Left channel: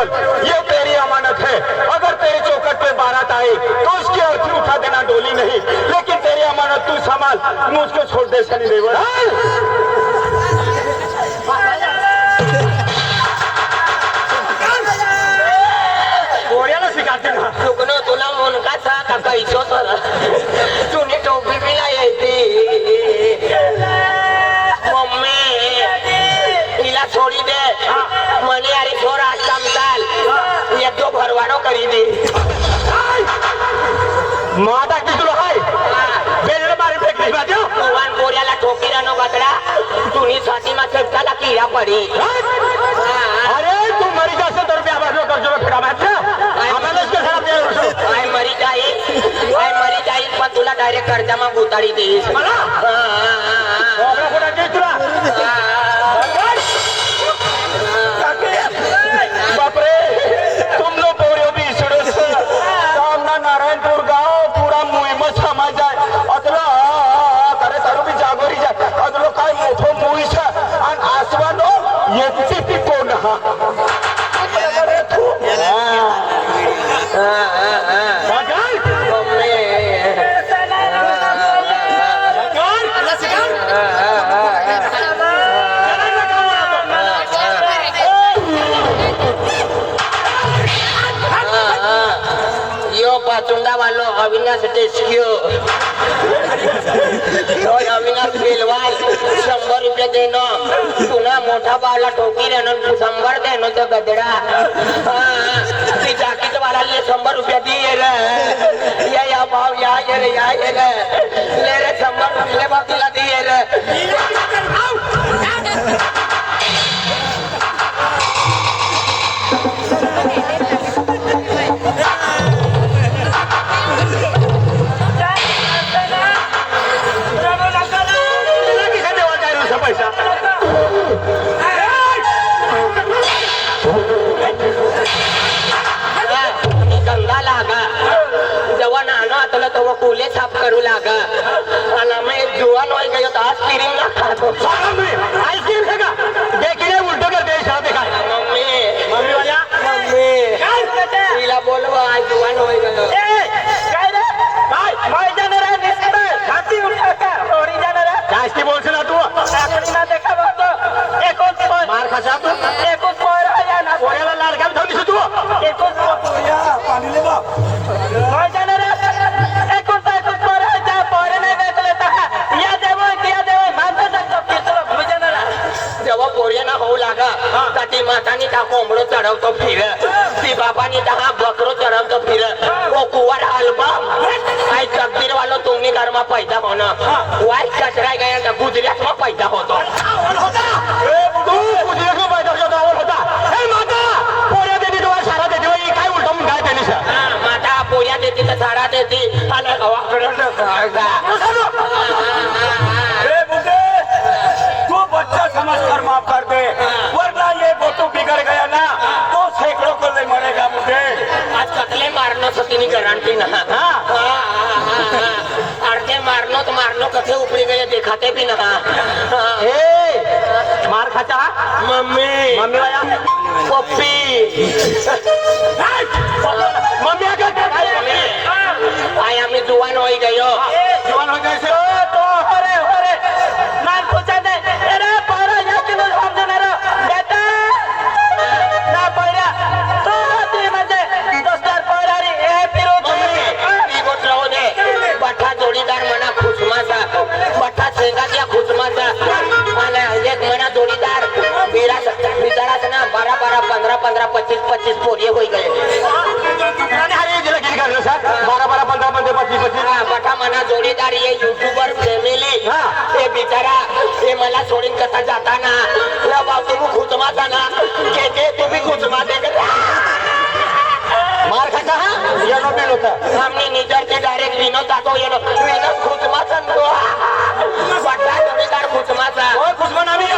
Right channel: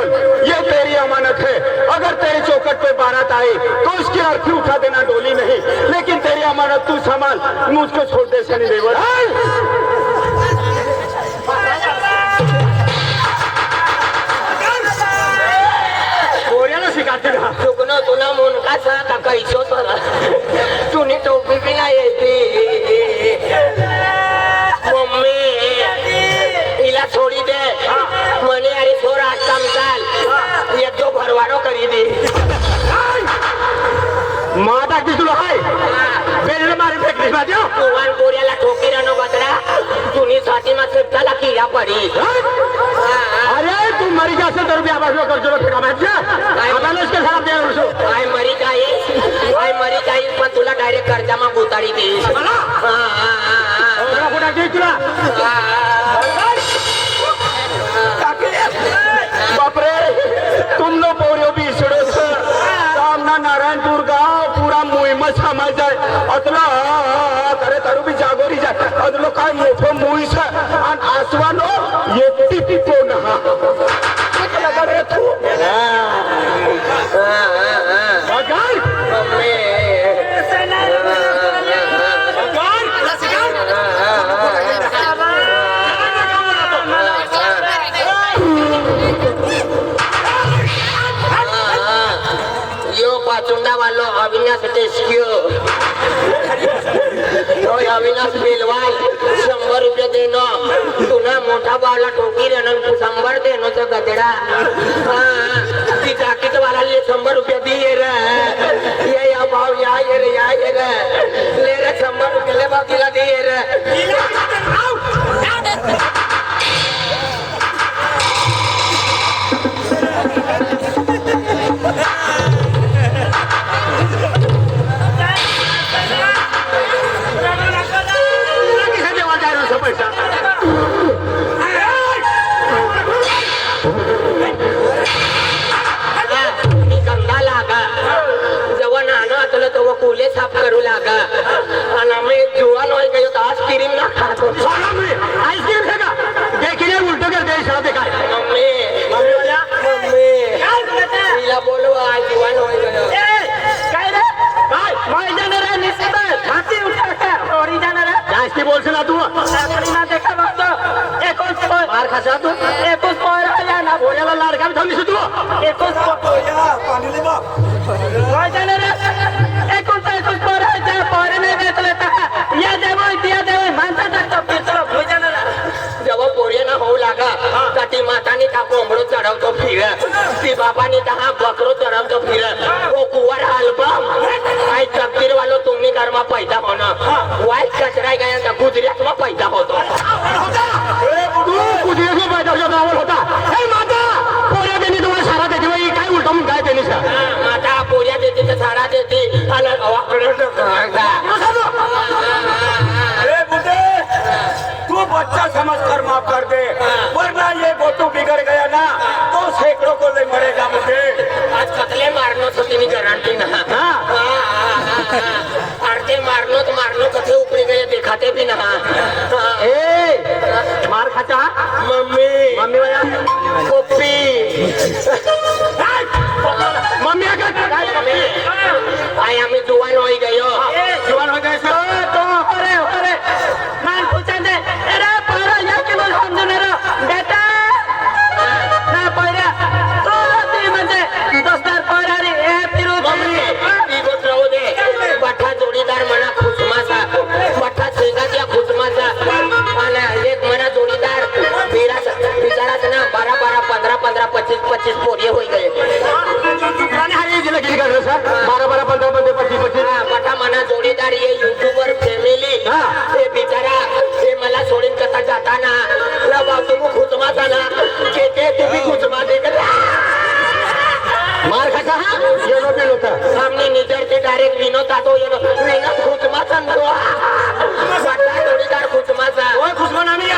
केवल, ये तेरी अमानत है। अगर तेरी चौखट पे बारात आए तो उसकी अर्थी उठा देना डोली नहीं, लेकिन तेरी अमानत तू संभाल, मुझको छोड़ दे सनी देवल। तुला मुनकाचा का कैसो तुने टोपी भी नाही येते मम्मी हिला छोडी दे म्हणे अरे थोडा काम चाल येतो भरवाडो करी दे माता की तुला हाय बेल मारी फेकली माझ्या भगवान गोऱ्याला ठोके रानो बकरा तुनी साठी मा सबकाला कीड़ा पडी अरे तू मरी जासे तर मी आवाज करतो फिरा माझ्या आदालच के साथ दे उसो काय मरी जाईल पण तुला डायरेक्ट कर्जामा गुताडी देईस मला कुठे घेतला बापरे तुम लोग पोरियो भी सुरेश सामना नारायणपुर गाव पुरा मोहिमच समाज आहे अतला अरे तारू भी जागोरी जा अतलो काय मोठो मुळीस आणि आसवानो येती ती कोण हा पाचुंडा वालो अविनाश टेस्क्यू अविनाश बेलवाल 100 रुपये देणं पुन्हा मोठा बावला ठोकी देणं 100 देणं तो गदडा ती जाकीट वाला 100 रुपये दिए रे या भाव या रे ले रे 100 रुपये भाव तिला दिए रे फुले साफ करू लागा आणि आम्ही जुवान होई गयो तो आईस्क्रीम ना खातो आईस्क्रीम खागा देखिए उल्टे कर दे साहब दिखा मम्मी वाला मम्मी तिला बोलव आज जुवान होई गयो काय रे भाई मैं जाने रे निस्तर खाती उठा का तोरी जाने रे जास्ती बोलसला तू ना देखा बतो एकच मार खासा तू एकच पोरा ना पोऱ्याला लाडका धरलीस तू एकच पोया पाणी ले बाप मैं जाने रे ती मातानी का कोंबडो चढवतो फिर ती बाबानी का बकरो चढवतो फिर ओ कुवर अल्बम काय कबीर वालो तुम्ही घरमा पैदा होणं वाईट कचराय गया ना गुजरात मा पैदा होतो गुजरात मा पैदा होता हे माता पोऱ्या देणे तुम्हाला सारा देते काय उलटा म्हणून काय देणे माता पोऱ्या देते तर सारा देते आणि गावाकडे तू बच्चा समझकर माफ कर दे वरना ये बोटू बिगड़ गया ना तो सैकड़ों को ले मरेगा मुझे आज कतले मारनो तो तिनी गारंटी ना अर्धे मारनो कथे उपरी गए दिखाते भी ना मार खाता मम्मी वाला पप्पी मम्मी आय आम्ही जुवान होई गयो जुवान हो गए तो अरे नान पूछा दे अरे पारा या के बोल हम दोनों बेटा ना पारा तो ते म्हणजे दोस्तर पारा रे ए पिरो ती गोष्ट हो दे बठा जोडीदार मना खुसमाचा बठा सेंगाच्या खुसमाचा आणि एक मना जोडीदार बिचाराच ना 12 15 25 पोरी होई गए आणि हे जे लगी कर सा 12 15 25 बठा मना जोडीदार ये यूट्यूबर फॅमिली ते बिचारा हे मला सोडून कसा जाताना बाबा तुम्ही खुचमाचा ना जे तुम्ही खुचमा दे मार खाता ये मोबाईल होता हमने निजर के डायरेक्ट विनोद आतो ये विनोद खुचमा सांगतो बठा जोडीदार खुचमाचा ओय खुशमा नामी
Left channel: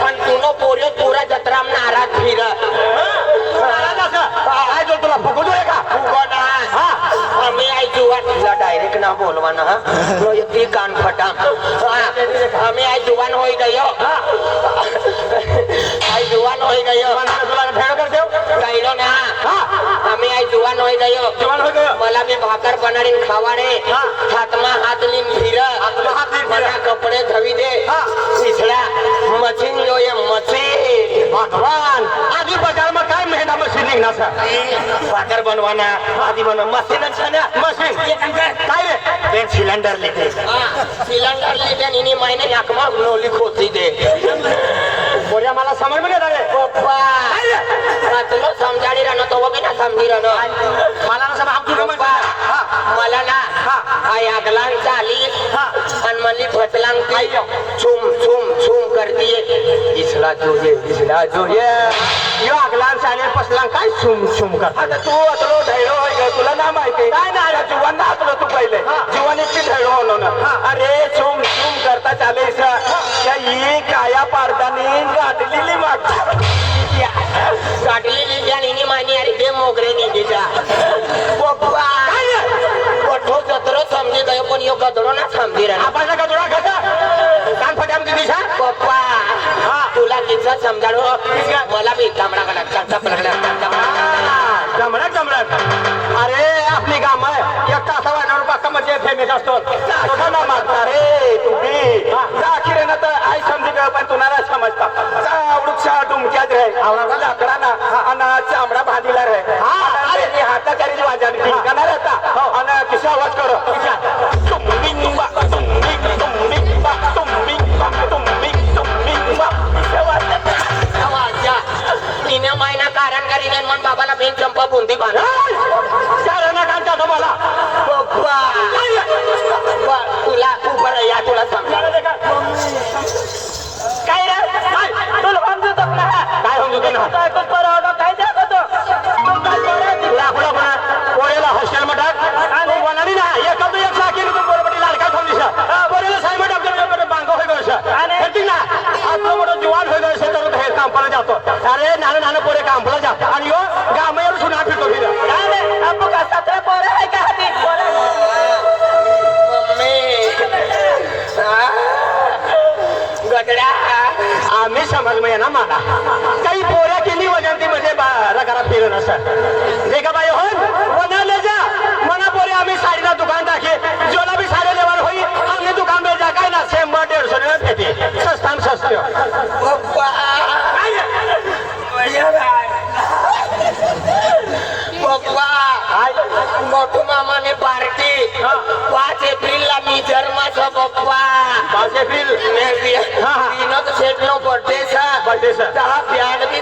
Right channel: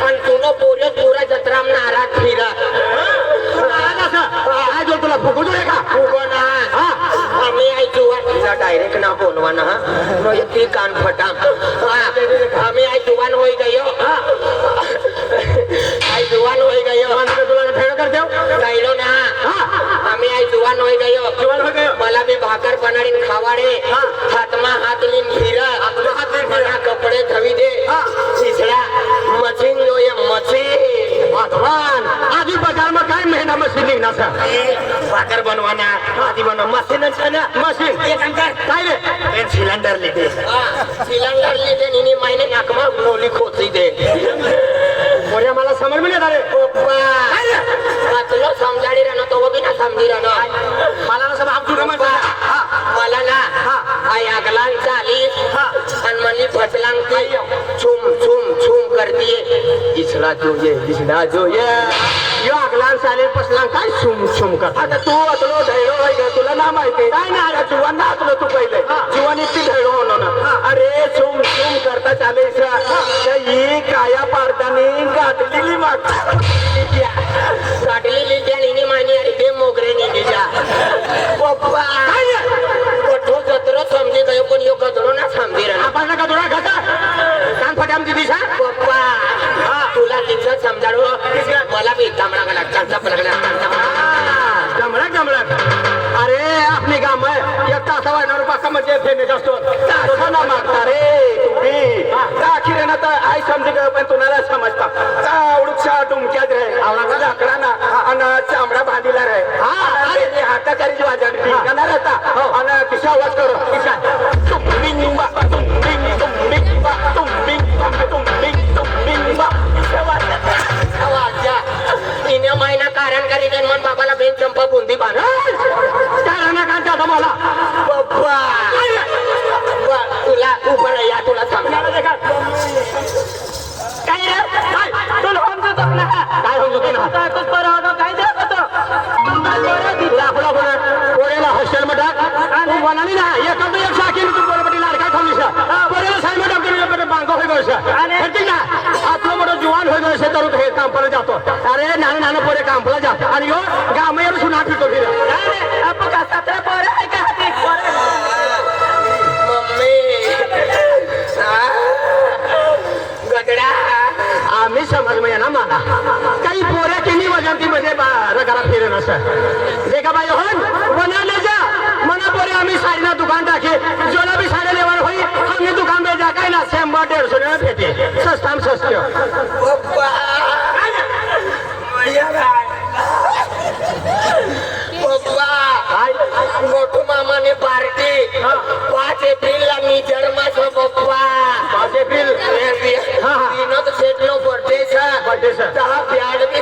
पण तुनो पोरियो पूरा जत्राम नाराज फिर काय जो तुला फुगू दे का फुगो ना आम्ही आई जुवान डायरेक्ट ना बोलवा ना ती कान फटा आम्ही आई जुवान होई गयो आई जुवान होई गयो तुला फेड कर देऊ गायलो ना गयो जीवन हो गयो मला बी भाकर बनाडीन खावाडे हा. हातमा हात लिन फिर हात लिन फिर. मला कपडे धवी दे हा. पिछला मशीन जो ये मशीन भगवान आधी बजार में काय महीना मशीन निघणार सा भाकर बनवाना आधी बनवा मशीन छे ना मशीन ये काम काय काय रे ते सिलेंडर लेके सिलेंडर लेके इनी महीने नाकमा नोली खोती दे बोरिया मला समज में नहीं आ रहे पप्पा मतलब समजाडी राहणं तो वगी ना समजी राहणं मला ना सब आपकी गमन हा मला ना हा. आई अगलांग चाली हा. आणि म्हणली फसलांग की छुम छुम छुम करतीये इसला तो ये दिसला जो ये अगलान साले पसला काय सुम सुम कर आता तू अतलो धैर्य होय ग तुला ना माहिती काय नाही रे जीवन ना तुला तू पहिले जीवन इतकी धैर्य होणं ना अरे सुम सुम करता चालेस त्या ही काया पारदानी गाठलेली मागता काटली लिहिली आणि इनी माहिती अरे ते मोगरे निघीच्या पप्पा कोठो कचरो समजी गयो पण यो कचरो ना समजी राहणार आपण का तुला घसा कान फटाम दिदी सा पप्पा तुला तिचं समजाडो मला बी कामडा गाला चालता पडला गमळा गमळा अरे आपली काम आहे एक तासावर रुपया कमरचे फेमेस असतो तो ना मागता रे तुम्ही आखिर ना तर आई समजी गयो पण तुम्हाला समजता का वृक्षा तुमच्यात रे लाकडा ना आणि चामडा बांधीला रे आणि हाताखाली माझ्या ठिकाणा राहता आणि किसा आवाज करो तुंबिंग बा तुंबिंग तुंबिंग बा तुंबिंग तुंबिंग तुंबिंग बा तिने महिना कारण करीने मन बाबाला बेन चंपा बुंदी बांधा मला पप्पा तुला उभं या तुला सांग काय रे काय तुला समजत ना काय समजत ना काय करतो काय लाकडा बना पोऱ्याला हॉस्टेल मध्ये टाक आणि म्हणाली ना एका दु एक साखी तू पोरबटी लाल काय थांबलीसा बरोबर साहेब डॉक्टर बांगो होय गयसा आणि ठीक ना आतलो मोठो जुवान होय गयसा तर हे काम पडे जातो अरे नाना नाना पोरे काम पडे जातो आणि यो गामयर सुना फिरतो फिर अरे अब का सतरा पोरे आहे का हाती मम्मी गदडा आम्ही समज में ना मला काही पोऱ्या किनी वजनती मध्ये रगारा फिरेन असं जे का बाई हो बना ले जा मना पोरे आम्ही साडीला दुकान टाके जोला भी साडे लेवल होई हमने दुकान में जा काय ना 100-150 रुपये भेटे सस्ताम सस्ते पप्पा पप्पा मोठू मामाने पार्टी 5 एप्रिलला मी जन्माचा पप्पा 5 एप्रिल विनोद शेटनो बर्थडे सा त्याला प्याड की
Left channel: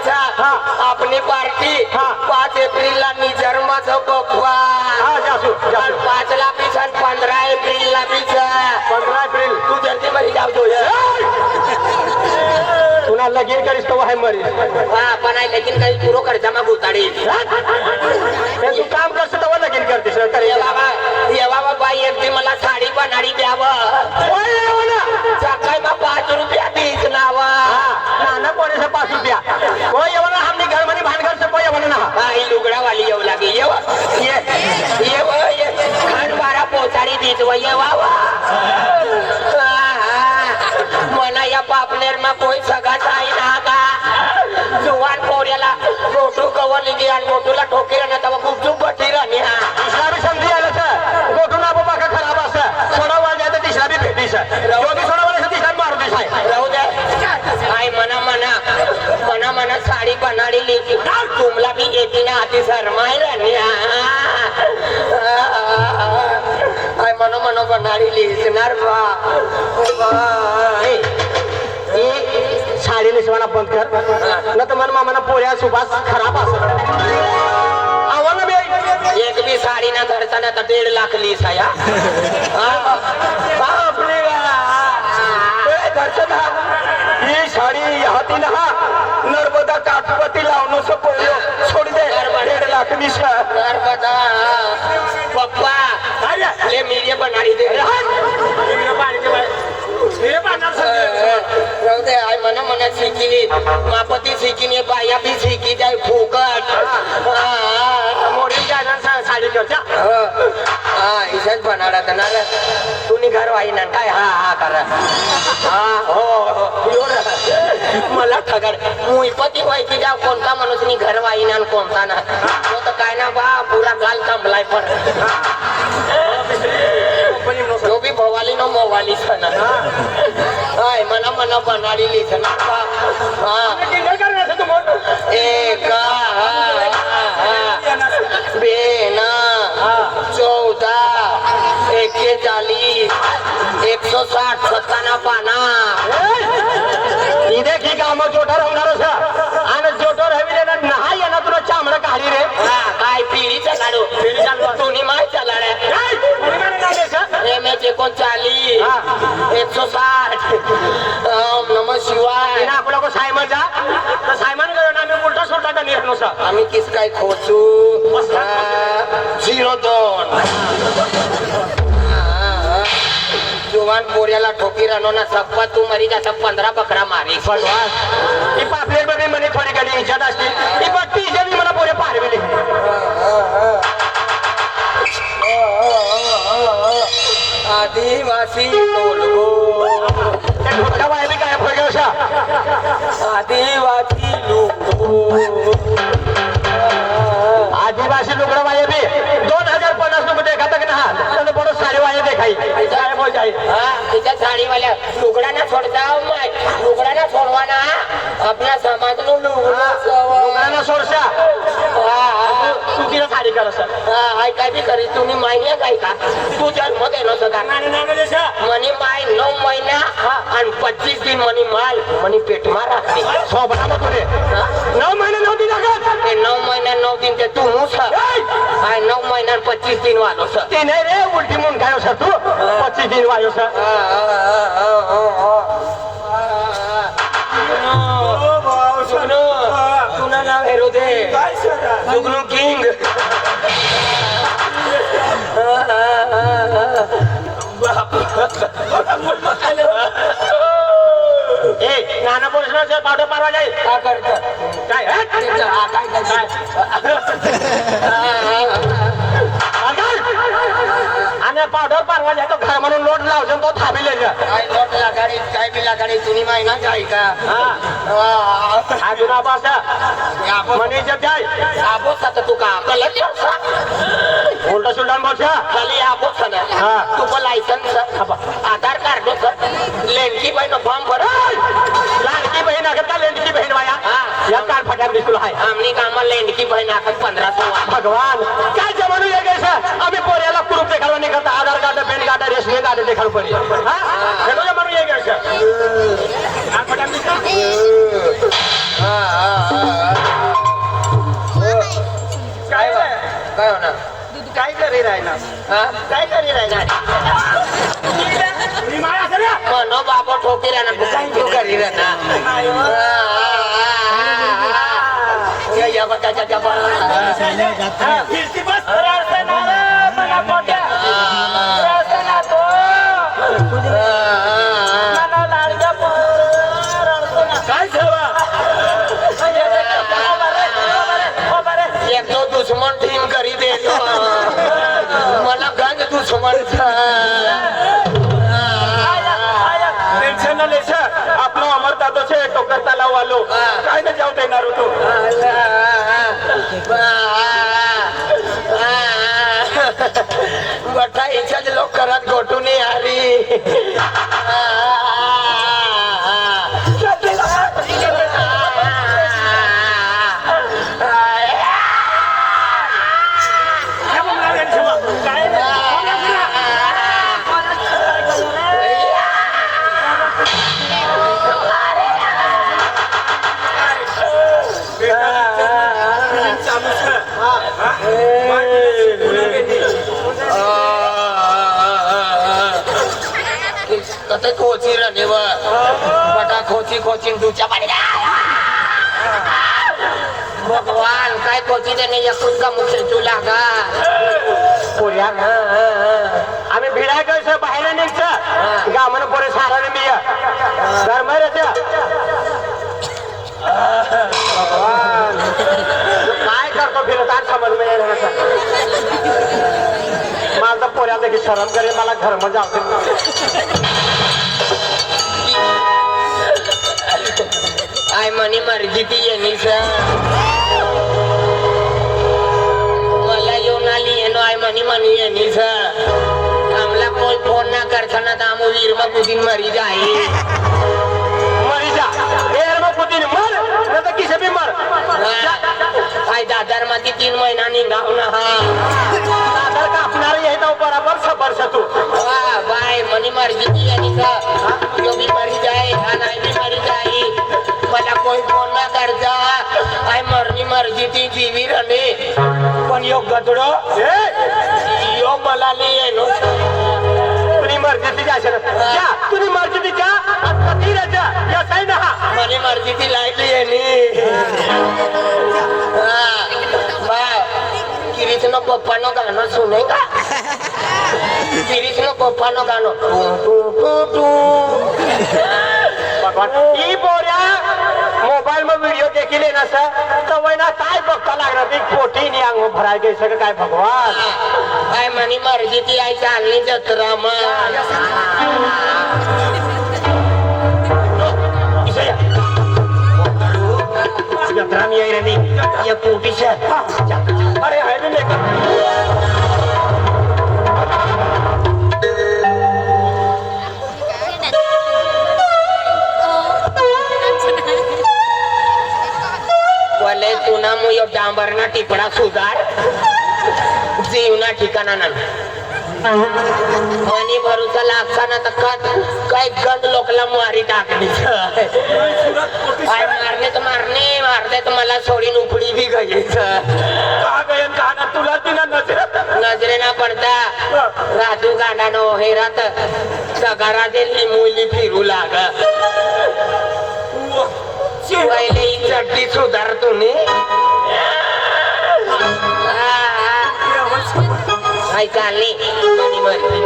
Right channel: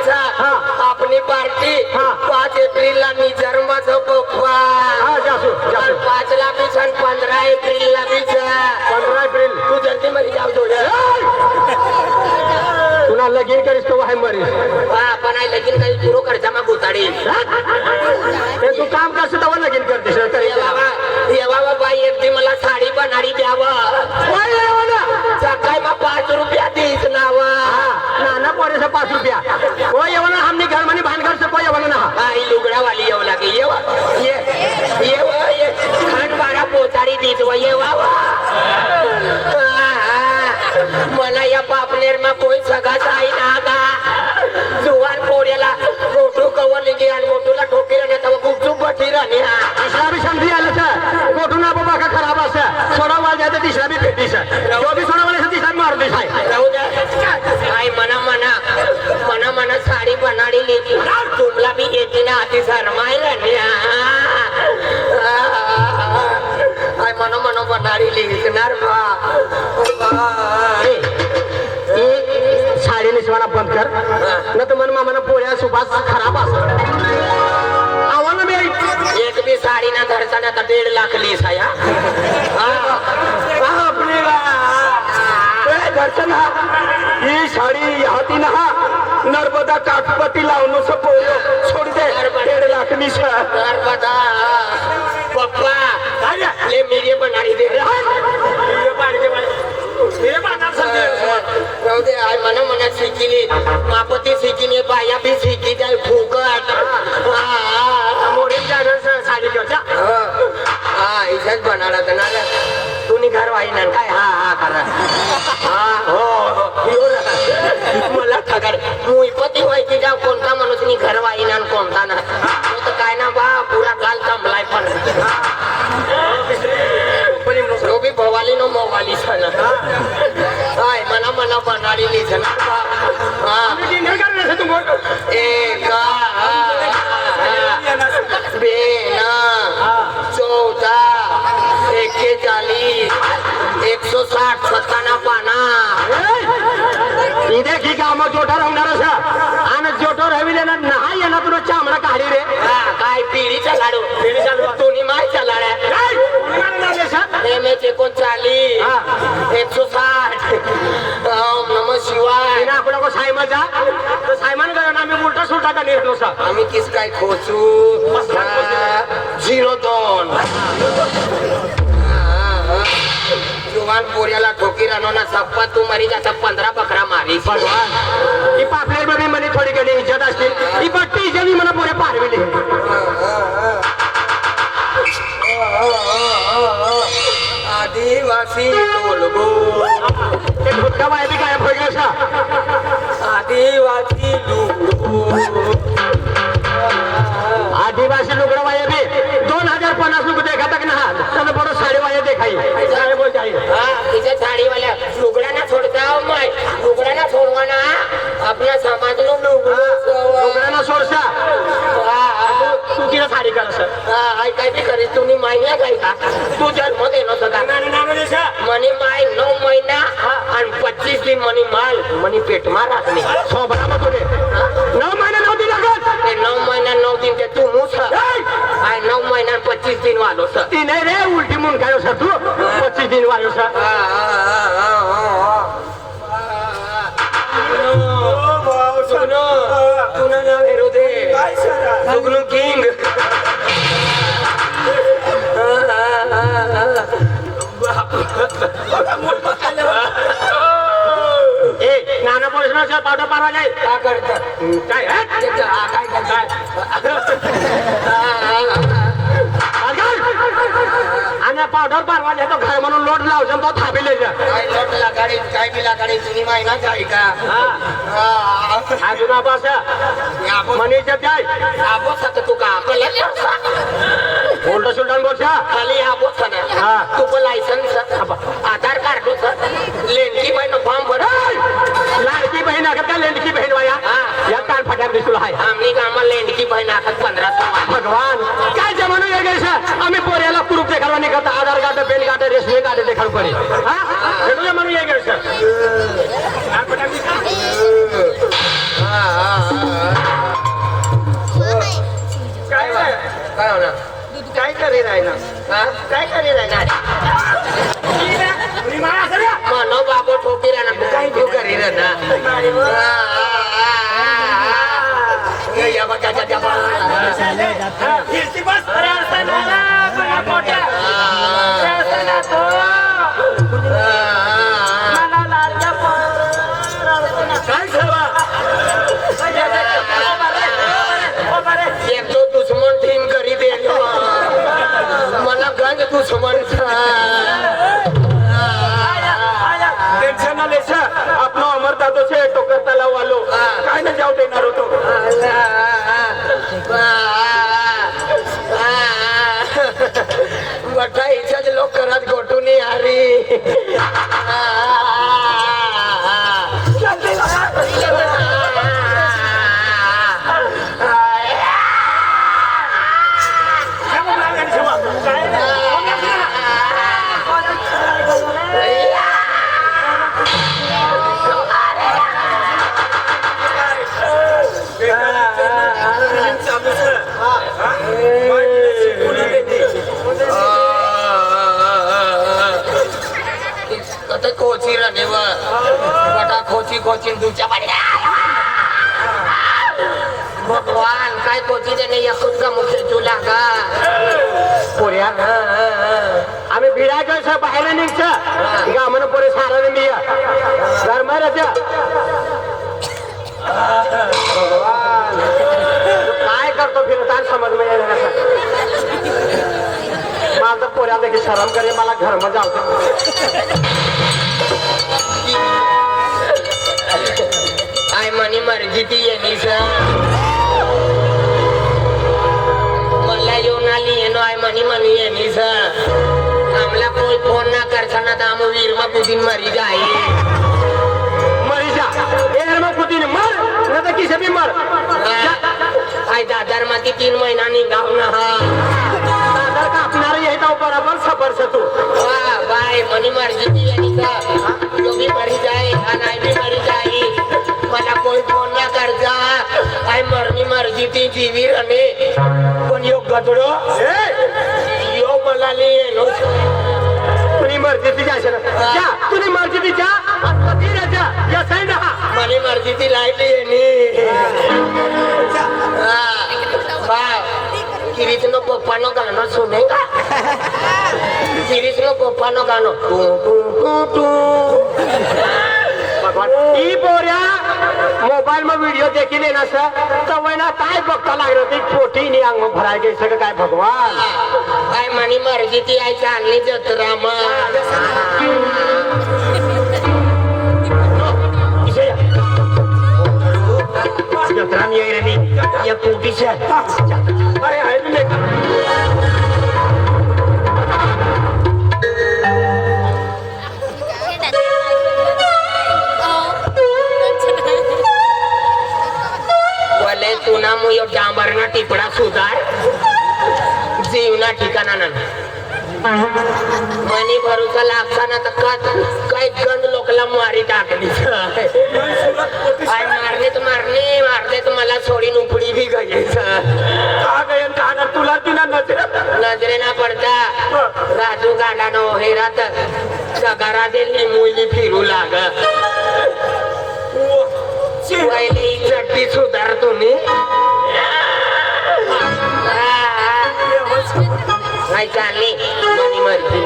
आपली पार्टी 5 एप्रिलला मी जन्माचा पप्पा हा जासू 5 ला बी सण 15 एप्रिलला बी 15 एप्रिल तू जल्दी मरी जाऊ दो तुला लगीन करीस तो आहे मरी हा पण आहे लेकिन काही पुरो खर्चा मग उताडी तू काम करतो तेव्हा लगीन करतेस ये बाबा बाई एकदी मला साडी बनाडी द्यावं सकाळी मग 5 रुपया तीच नाव नाना पोरेसा 5 रुपया कोई येवना हमने घर मनी भान घर से कोई येवना ना बाई लुगडा वाली येऊ लागे ये बारा पोचाडी देत व ये मला या पापनेर में कोई सगा साई ना का जुवान पोऱ्याला मोठू कवरली गे आणि मोठूला ठोकेला ना तेव्हा खूप चूप बठी राहणे तिसरा भी संधी आला सर गोठूना बाबा का खराब असा सोडा वाज जाते तिसरा भी भेटी सर रवगी सोडा वाले से तिसरा मारू दे साहेब राहू दे आई मना मना साडी बनाडी लेकी तुमला भी येते ना आती शरमाय राहणे आई मना बनाडी लेकणार बा साडी नेसवाला बंद कर न तर मन मामाना पोऱ्या सुभाष खराब असं आम्हाला बी एक भी साडी ना धरता ना 1.5 लाख लीस आया ही साडी हाती ना नर्मदा काठपती लावणं सोडी दे 1.5 लाख मीस बता पप्पा ले मीडिया बनाडी दे राहू दे आई मना शिकिली मापती शिकिनी बाया भी शिकी जाय फुकट मोडील जागा साडी करता इशाच बनाडा ना तुम्ही घर वाई ना काय हा करा मला ठगड मुईपती व्हायची जाव कोणता माणूस मी घर वाईना कोणता ना तो तर काय ना बा पुरा गाल साडी लिहिणार का डिनर करणार तू मोठ एक बेना 14 41 160 सत्ताना पाना इथे की काम जोठा राहणार आणि जोठो राहिलेला नाही येणार तुला चांबडा काढी रे काय पिढीचा लाडू दोन्ही मायचा लाड्या एम 39 160 ओम नम शिवाय आपला को सायमाचा तर सायमान करून आम्ही उलटा सुलटा का निर्णय आम्ही किस काय खोचू 02 जुवान पोऱ्याला ठोकी राहणार सप्पा तू मरी जाता 15 बकरा मारी ही पापलेट मध्ये મને थोडी कधी इज्जत असतील ही पट्टी इज्जत मला पोरे पारविली आदिवासी टोलगो ते ढोकटा वायबी काय फगवशा आदिवासी लुगो आदिवासी लुगड़ा वायबी 2050 लोग देखा तक ना कोण बड़ो साड़ी वाये देखाई जाए बोल जाए तिच्या साडीवाल्या लुगडा ना सोडता माय लुगडा ना सोडवाना आपल्या समाज लुगड़ा ना सोडसा तू तिला साडी कर ऐकाय बी करी तुम्ही माहिती काय का तू जन्म गेलो सदा मनी माय 9 महिना आणि 25 दिन मनी माल मनी पेट मारा सोबत तुले 9 महिने 9 दिन लागत 9 महिना 9 दिन के तू मुस आय 9 महिना 25 दिन वालो सर ती नाही रे उलटी म्हणून काय असं तू 25 दिन वायो सर तुला नाव हेरू दे सुगनू किंग ए नाना पोलिसांचा पाडा पारवा जाईल काय करत काय आणि पाडवर पारवा जातो घर म्हणून लोट लावतो तो थांबिले जा काय लोट लागाडी काय बी लागाडी तुम्ही माहिती आहे का अजून पासा मनीच्या काय आपोस आता तू का आपल्याला उलटा सुलटा बोलचा खाली आपोस ना तू पण लायसन्स आधार कार्ड लेंडकी बहीण फॉर्म भर लाडकी बहीण आहे का लेंडकी बहीण वाया या कान फटाक दिसला आहे आम्ही कामा लेंडकी बहीण आखत 1500 भगवान काय जमानो ये गए सर आम्ही पोऱ्याला कुरूप देखावा नाही करता Aadhaar card PAN card rationing card देखाल पडे हा हे जमानो ये गए सर काय होणार काय करी राहिला काय करी राहणार मनो बाबा ठोकी राहणार काय तू करी राहणार या बघा एक तो दुश्मन टीम करी दे मला गंज दुश्मन टेन्शन नाही सर आपला अमरदादा છે તો કરતા લાવવાલો કાઈ ન જાવ દેનાર હતો बठा इच्छा लोक करत गोठून आरी खोची रने बटा खोची खोची दुच्या पाड्या भगवान काय खोची देणे या सुद्धा मुखे तुला का पोऱ्या आम्ही भिडाय कसं बाहेर निघचं गामन पोरे सारा मी गरमाय रच्या काय करतो फिरत समज नाही माझं पोऱ्या देखील शरम करे मला घर मध्ये आय मनी मर्जी ती येणी मला येऊन आली येणो आय मनी मनी येणी आमला कोई फोन ना करताना दाम वीर मा कुदिन मरी जाई मरी ए मग कुठे मर नाही किसे बी मर आय दादर मध्ये 3 महिना निघाव ना हा दादर कापणार आहे तो बराबर सबर तू वाह बाय मनी मर्जी ती यानी का जो भी मरी जाए नहीं भी मरी जाए मला कोई फोन ना करजा आय मरनी मर्जी ती जीवी रमे पण यो गदडो यो मला लिये नो तुझी मर्जी ती जा तुझी मर्जी ती जा कधी राजा या साईड हा मनी मर्जी ती लाईली यानी बाय किरीचनो पप्पानो गाणं सुने का किरीचनो पप्पानो गाणं टू टू टू टू ई बोऱ्या मोबाईल में व्हिडिओ देखील ना सा तवय ना काय बघता लागणार ती पोटी नि अंग भराय गई सगळं काय भगवान काय मनी मर्जी ती आई चालली जत्रा मग जत्रा मी आहे रे मी या पोटीच्या अरे आहे रे लेका वले तुना मुयो डांबरना टिपडा सुधार जीवना ठिकाणा ना मनी भरोसा लागता ना तर काय गंद लोकला मारी टाकली काय मारणे तर मला सोडीन उपडी भी गई तुला तिला नजरे ना पडता राजू गांडा नो हेरात सगारा दे मुली फिरू लाग पहिले ही चड्डी सुधार तुम्ही काय चालली मनी मर्जी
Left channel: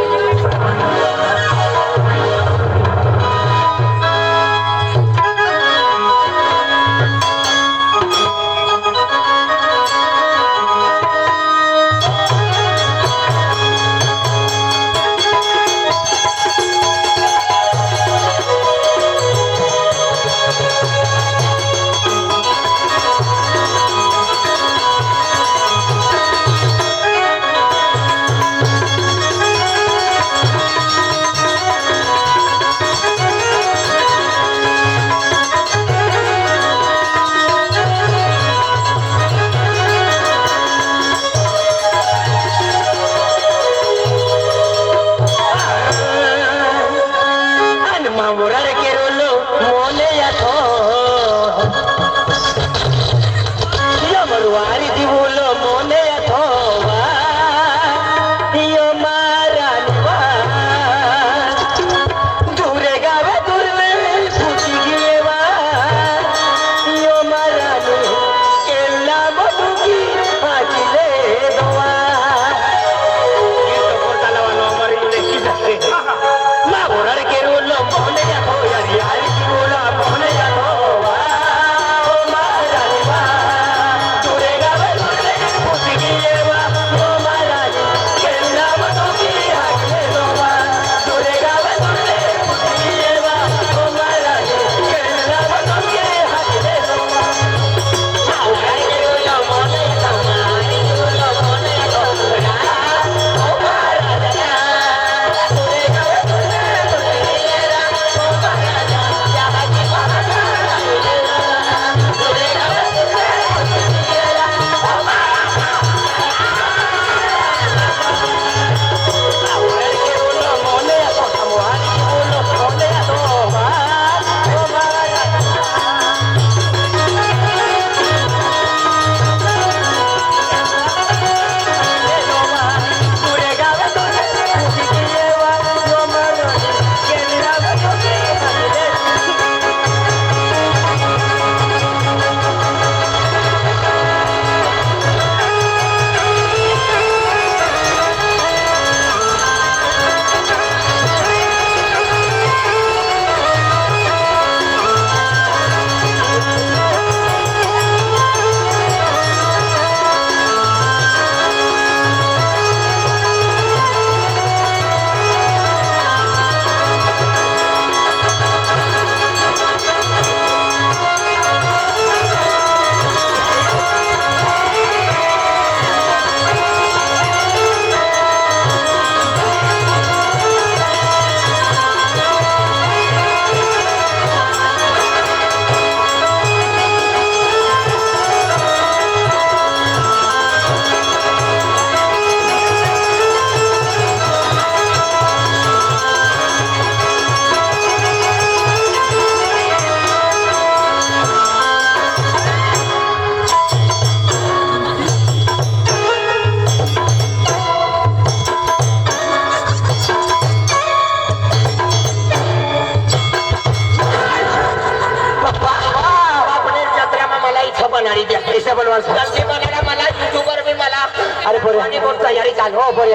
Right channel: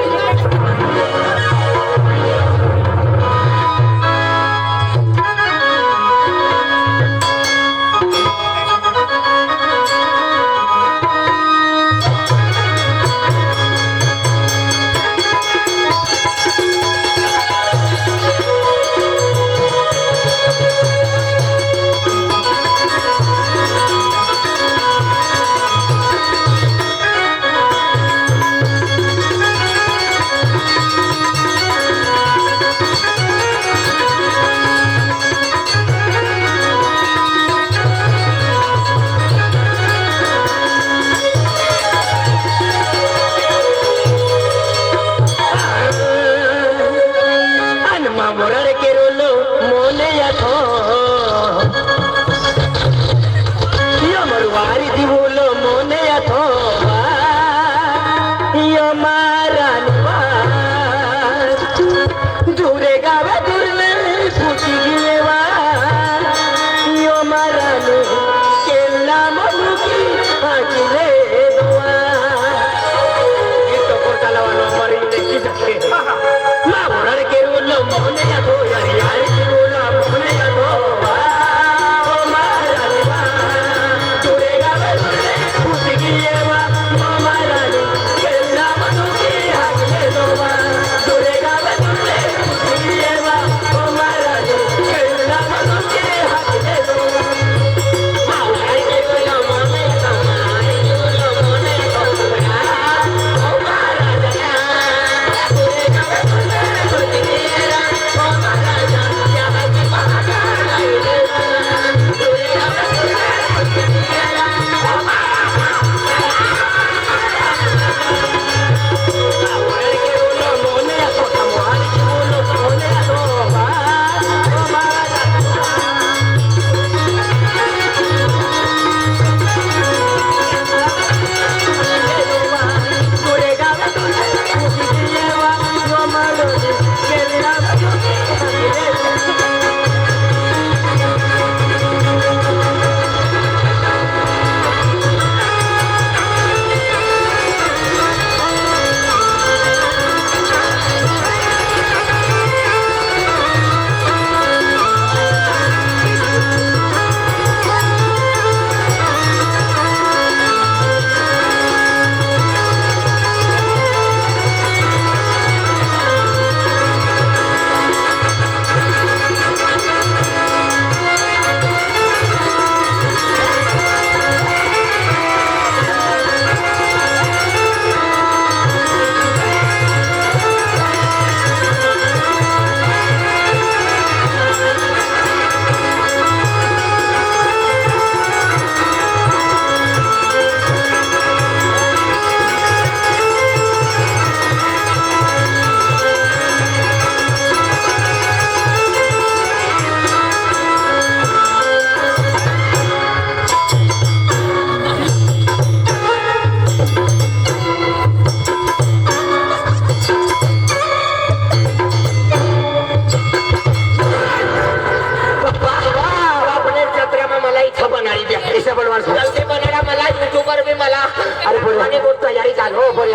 पोरे आणि बोट तयारी चालू हो पोरे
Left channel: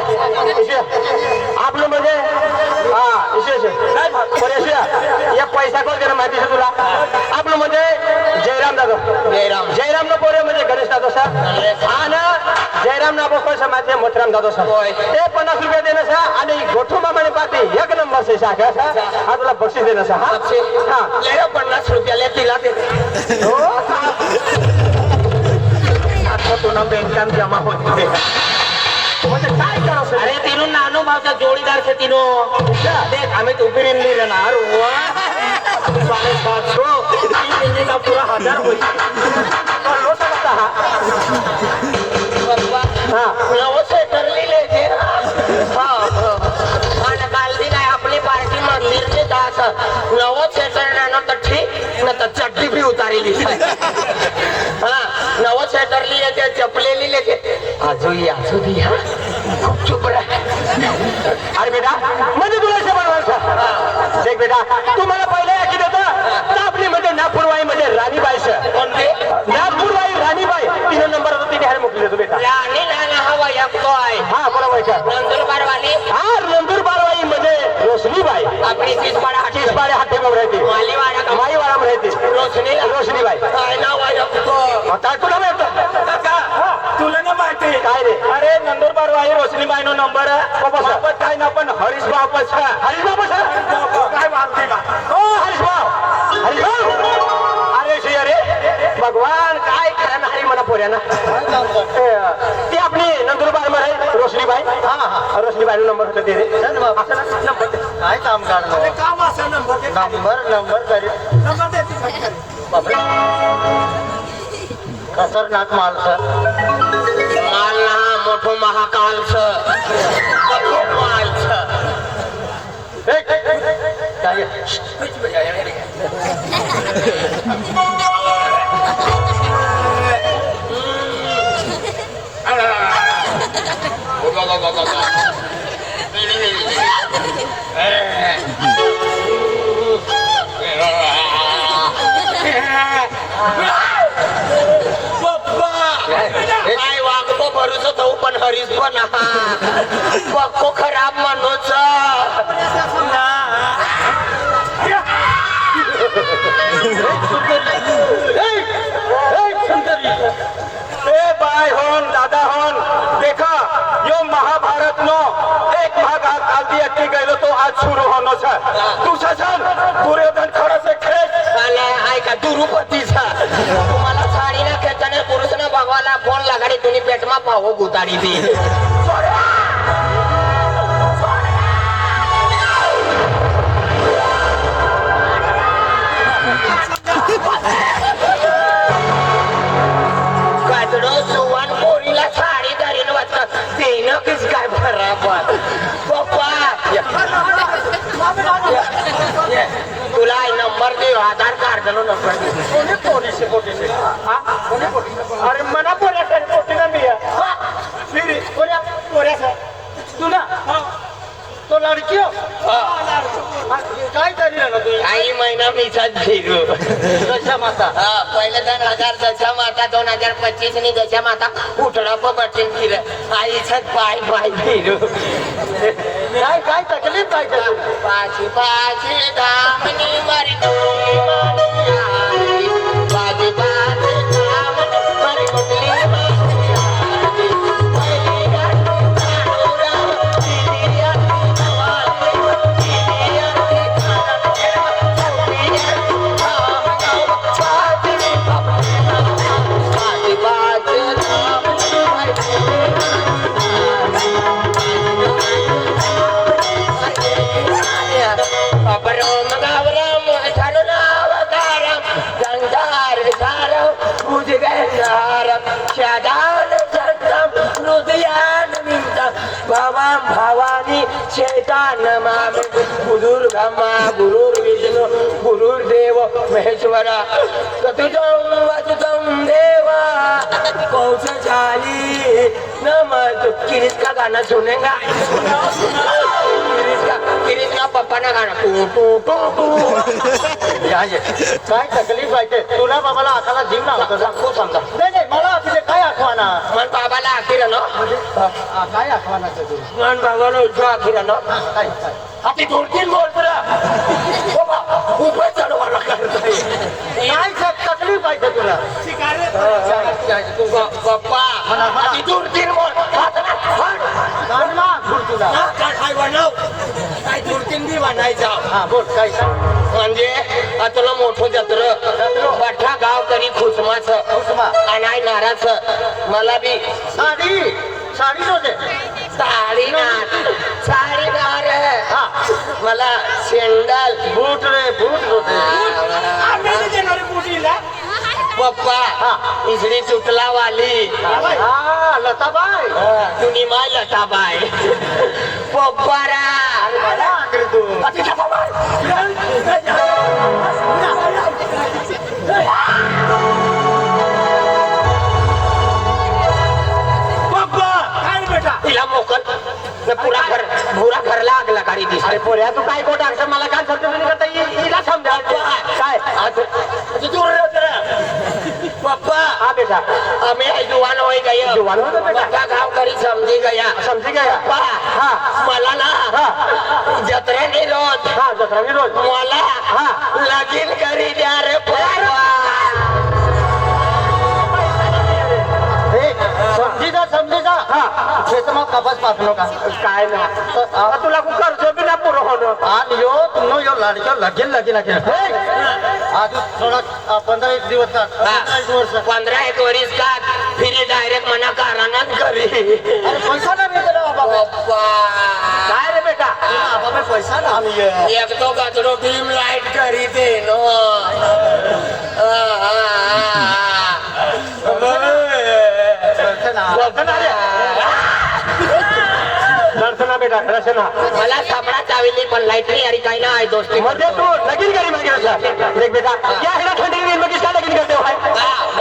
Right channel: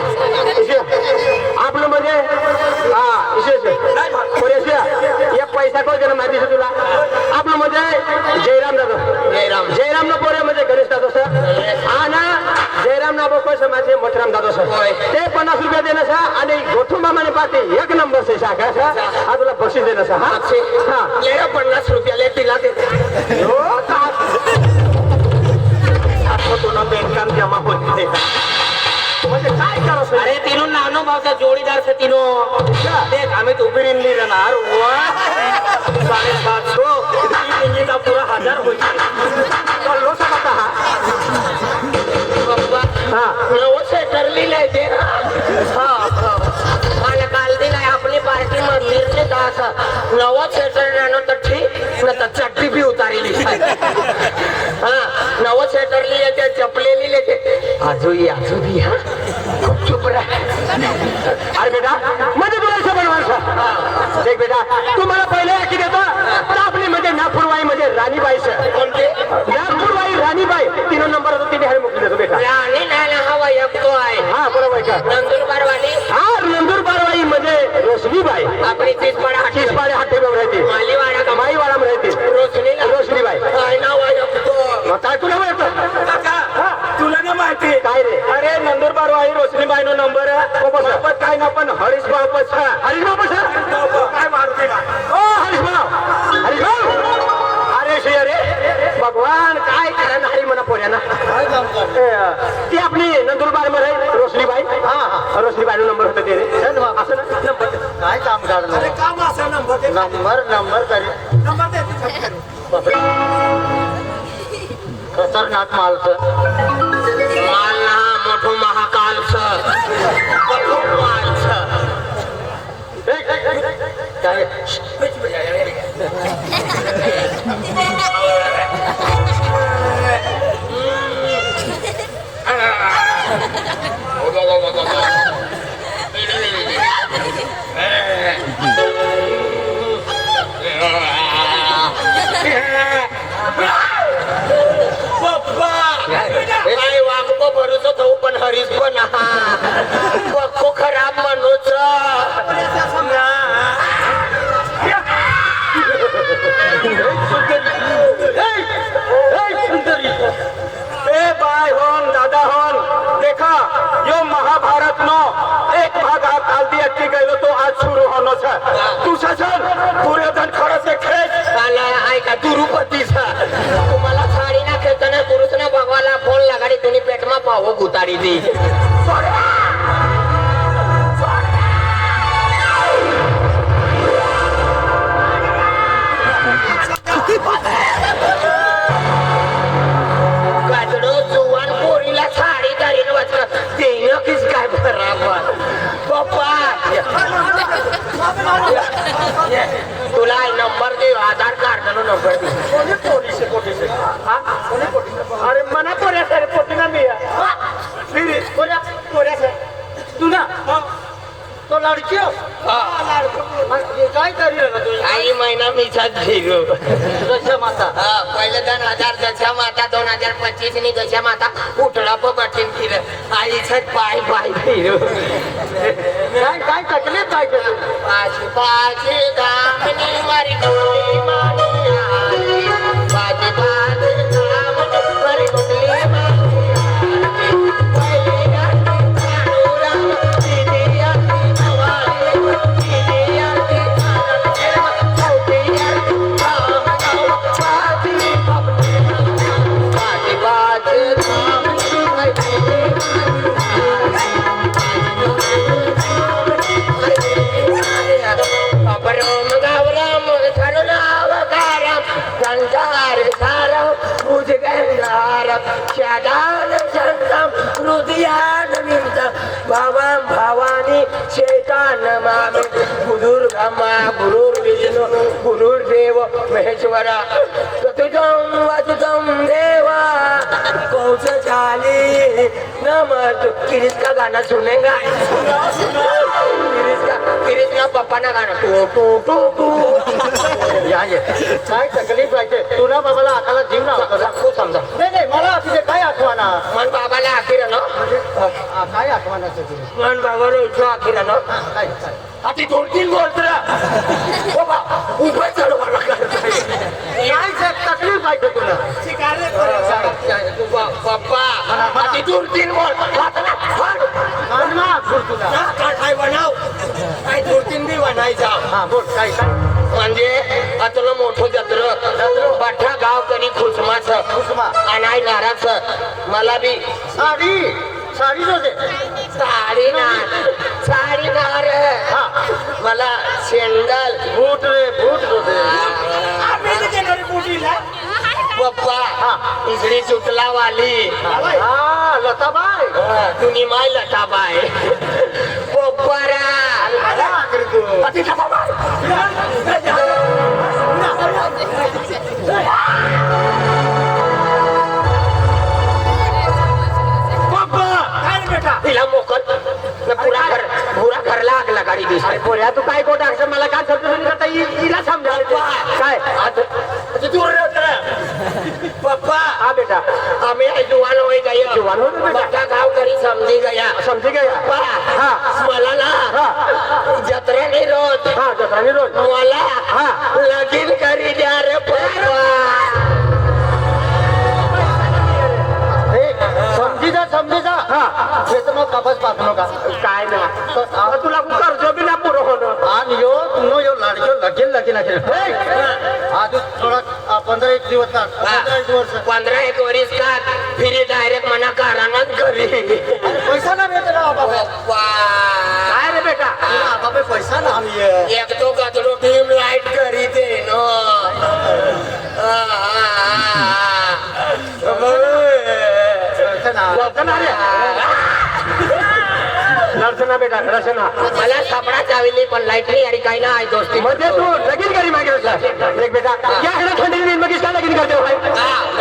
आपलं म्हणजे हा पोरे या पैसा कोण दिला माहिती आहे तुला आपलं म्हणजे जयराम दादा जयराम ना पोरे म्हणजे गणेश दादा सर हा ना जयराम ना कसं माहिती आहे मथुराम दादा सर ते 50 रुपये देणं सर आणि गोठू मामाने पाहते 1 नंबर से शाखा सर हा तुला बक्षीस देणं सर हा 50 रुपयाला तिला देते हो आता तुला बेनकाम जमा होते म्हणजे काय करायचं अरे तिनो नानो भावचा जोडीदार से तिनो देख आम्ही तो उभी रिंदी रहणार 750 3 मिनिटा पुरा 1000 होईल हा नवसे ठरलेले ते मला काल दी काय आपली पार्टी मंदिर ने दास नवस सेटर रहना तो ठीक न तो चड्डी भी उतारेली हाँ नवस सेटर लिए ते चपले ली लेके आजू भी हाँ चुप रहा अरे बेटा म्हणजे तुला शोभन माणसं देख बेटा तुम्हाला पहिले ऐकी देतो आपली म्हणजे नागपूरवाई म्हणजे राणीबाई सर कोणते नागपूरवाई राणीबाई 3 नंबर होता तिने हारी मोकली देतो बेटा राणी नाना हवा एकतो आहे हा बोला बाई का नंदुरबार वाली हा नंदुरबारवाई म्हणजे रोशनीबाई अपनी तीसपाड़ा किसपाडे हाते में रहती मालीवाड़ा का माईवाडा में रहती रोशनीबाई नाव आहे रखतो मग काय तुला माहित तुला ना माहिती काय रे अरे नंदुरबारवाई रोशनीबाई नो नंबर आहे काय ना पण हरीश भाऊ पछा हरीश भाऊ काय मारते का ओ हरीश भाऊ अरे श्री अरे भगवान काय करा हरी मला पोऱ्याना ती आपली नंदुरबार मध्ये रोशनीबाई हा रोशनीबाई नो नंबर होते ते असं ना नंबर काय काम करणार अरे काम असं नंबर नंबर दे खतरनाक माणसं माल ना मोठो महाकाल नाही वागतो भरूच तो पण हरीच पण पक्को खराब म्हणूच बाय होन दादा होन देखा यो महाभारत नो एक भाग काल दिया की गयो तो आज शुरू होनो छ तू ससन दुर्योधन खड़ा से खेच काल आहे का दुरुपतीचा तुम्हाला साडी ना खेळताना पुरुष ना भगवाला फोन लगाडी तुम्ही पेटमा पाव गुताडी दी गाजडो सुवान पोरीला साडी दारीन वाचत देणं किस काय बराबर पप्पा तुला नंबर दे आधार कार्ड नो नंबर दे पोटीसे हा अरे मना पोऱ्या सर पोटीना मी फिर पोऱ्या सर तू ना तो लड़की हो काय करी ना तू काही महिना मीचाच घेलो दशा माता पहिले 2000 दशा माता 2025 नि दशा माता उठला पण बटन फिर आईच पाय पाय घेलो काय तकलीफ काय कर पाची पाची दामनी मारी गोरी मानुया पाची पाची दामनी मारी गोरी मानुया पहिली गाडी मानुरा दीदी आती नवानी दीदी आती चौथी आती काम गाव पाची पाची पाची दामनी मारी अपरम गावराम धनुराव गारम गंगार सारव बुध गंगार शादान संतम हृदयान विंतम भवाम भवानी चैतान माम गुरुर्ब्रह्मा गुरुर्विष्णु गुरुर्देव महेश्वरा चतुर्थं वसुतं देवा कौश चाली नमः किरिस का गाना सुनेगा किरिस का पप्पा ना गाना टू टू टू टू काय तकलीफ व्हायचे तुला बाबाला हाताला जीव ना खूप समजा नाही मला तुझे काय आठवणा मन बाबाला आखिर ना काय आठवण तू मन बाबाला इच्छा अखिरानं काय आता 2-3 बोलतो उभं चालवायला काय तकलीफ काय ते तुला पप्पा आता 2-3 बोल काढला बोल तुला काय बनव काय 2-3 बी बनायचा हा बोल काय काय म्हणजे आता मोठं जत्र बठा गाव करी खुसमाच खुसमा. अनाय नाराच मला बी साडी साडी नव्हते साडी नार मला शेंडल बूट रे बूट होते पप्पा इसरी चुटला वाली हा लताबाई तुनी माय लताबाई पप्पा रा तिला मोकल पुरा घरला आग लगाडी दिसते पोऱ्या तू काय कोण असं मला काय समजून हिला समजाल काय पप्पा हा बेटा हमें जुवान हो गया जुवान हो गया। बड़ा गाँव करी समझी गया समझी गया पप्पा हाँ। मला ना हा जत्रा नहीं रोज हा दुसरा मी रोज मला हा लगीन करी द्या रे पप्पा समजी जा हा हे मग वापस पाठवू का काय ना तुला कर्ज बी ना पुरं होणं आणि यो तुम यो लाडक्या लगेल लगेल आज थोडा 15-1 दिवस का 15 दिवस 15 वरीस का फिर डायरेक्ट मना कारानाच घरी अरे पैसा ना भेटे ना बाबा पप्पा काय रे बेटा बाबा पैसा ना आम्ही एक तो कचरो फिल्म लाइट करी दे नो रचना बेटा रचना मला सापडा चावली पण लाईट नाही अरे काय ना आहे दोस्ती म्हणजे तू लगीन करी मागे असला देख बेटा या हेडा थंडी नाही मग इसका लगीन करते भाई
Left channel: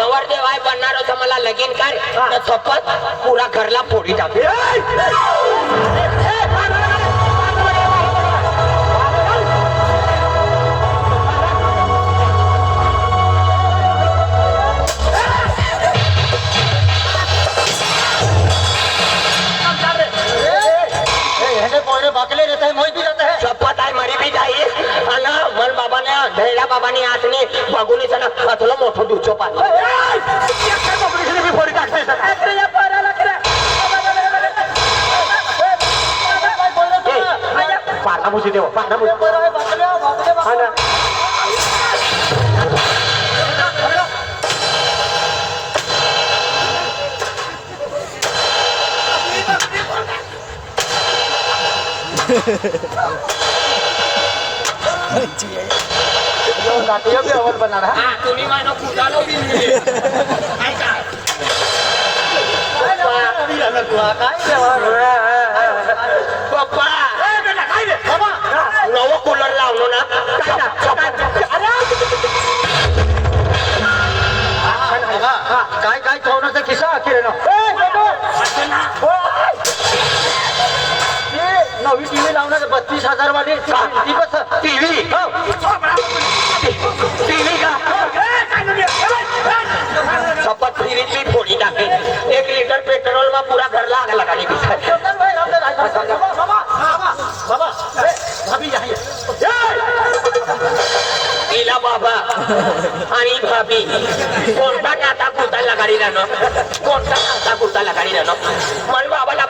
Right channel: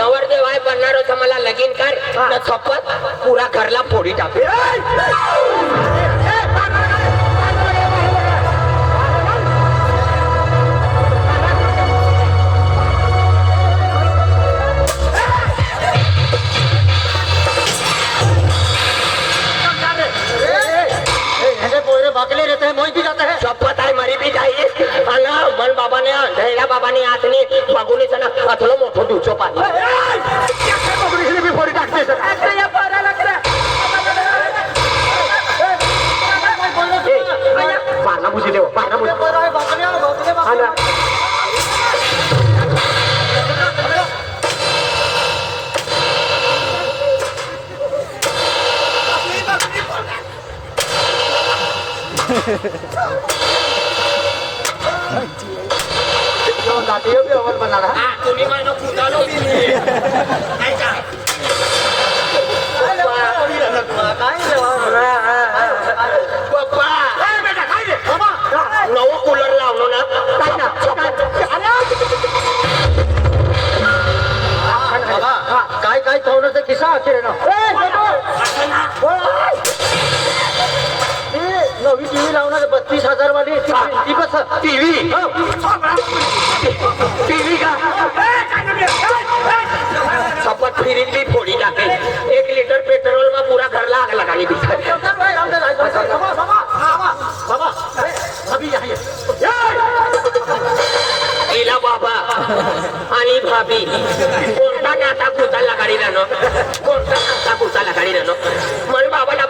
नवरदेव आहे करणार होतं मला लगीन कर तर शपथ पुरा घरला फोडी टाक शपथ आहे मरी बी जाईल आणि मन बाबाने ढैरा बाबाने आतने बघून चला पाथलं मोठं दुचो पाणी पारणा भुसी देव पारणा भुसी हा ना हा तुम्ही मानो कुठालो बी ऐका पप्पा नवं कूलर लावलो ना काय काय ठेवण्याचा किस्सा अखेर ना नवी टीव्ही लावणार 32,000 वाली ती कसं टीव्ही का शपथ फिरीत बी फोडी टाके 1 लिटर पेट्रोल में पूरा घर आग लगानी बिचारी बाबा अभी जाइए इला बाबा आणि भाभी कोणता नाता पुता लगाडी राहणं कोणता नाता पुता लगाडी राहणं मन बाबाला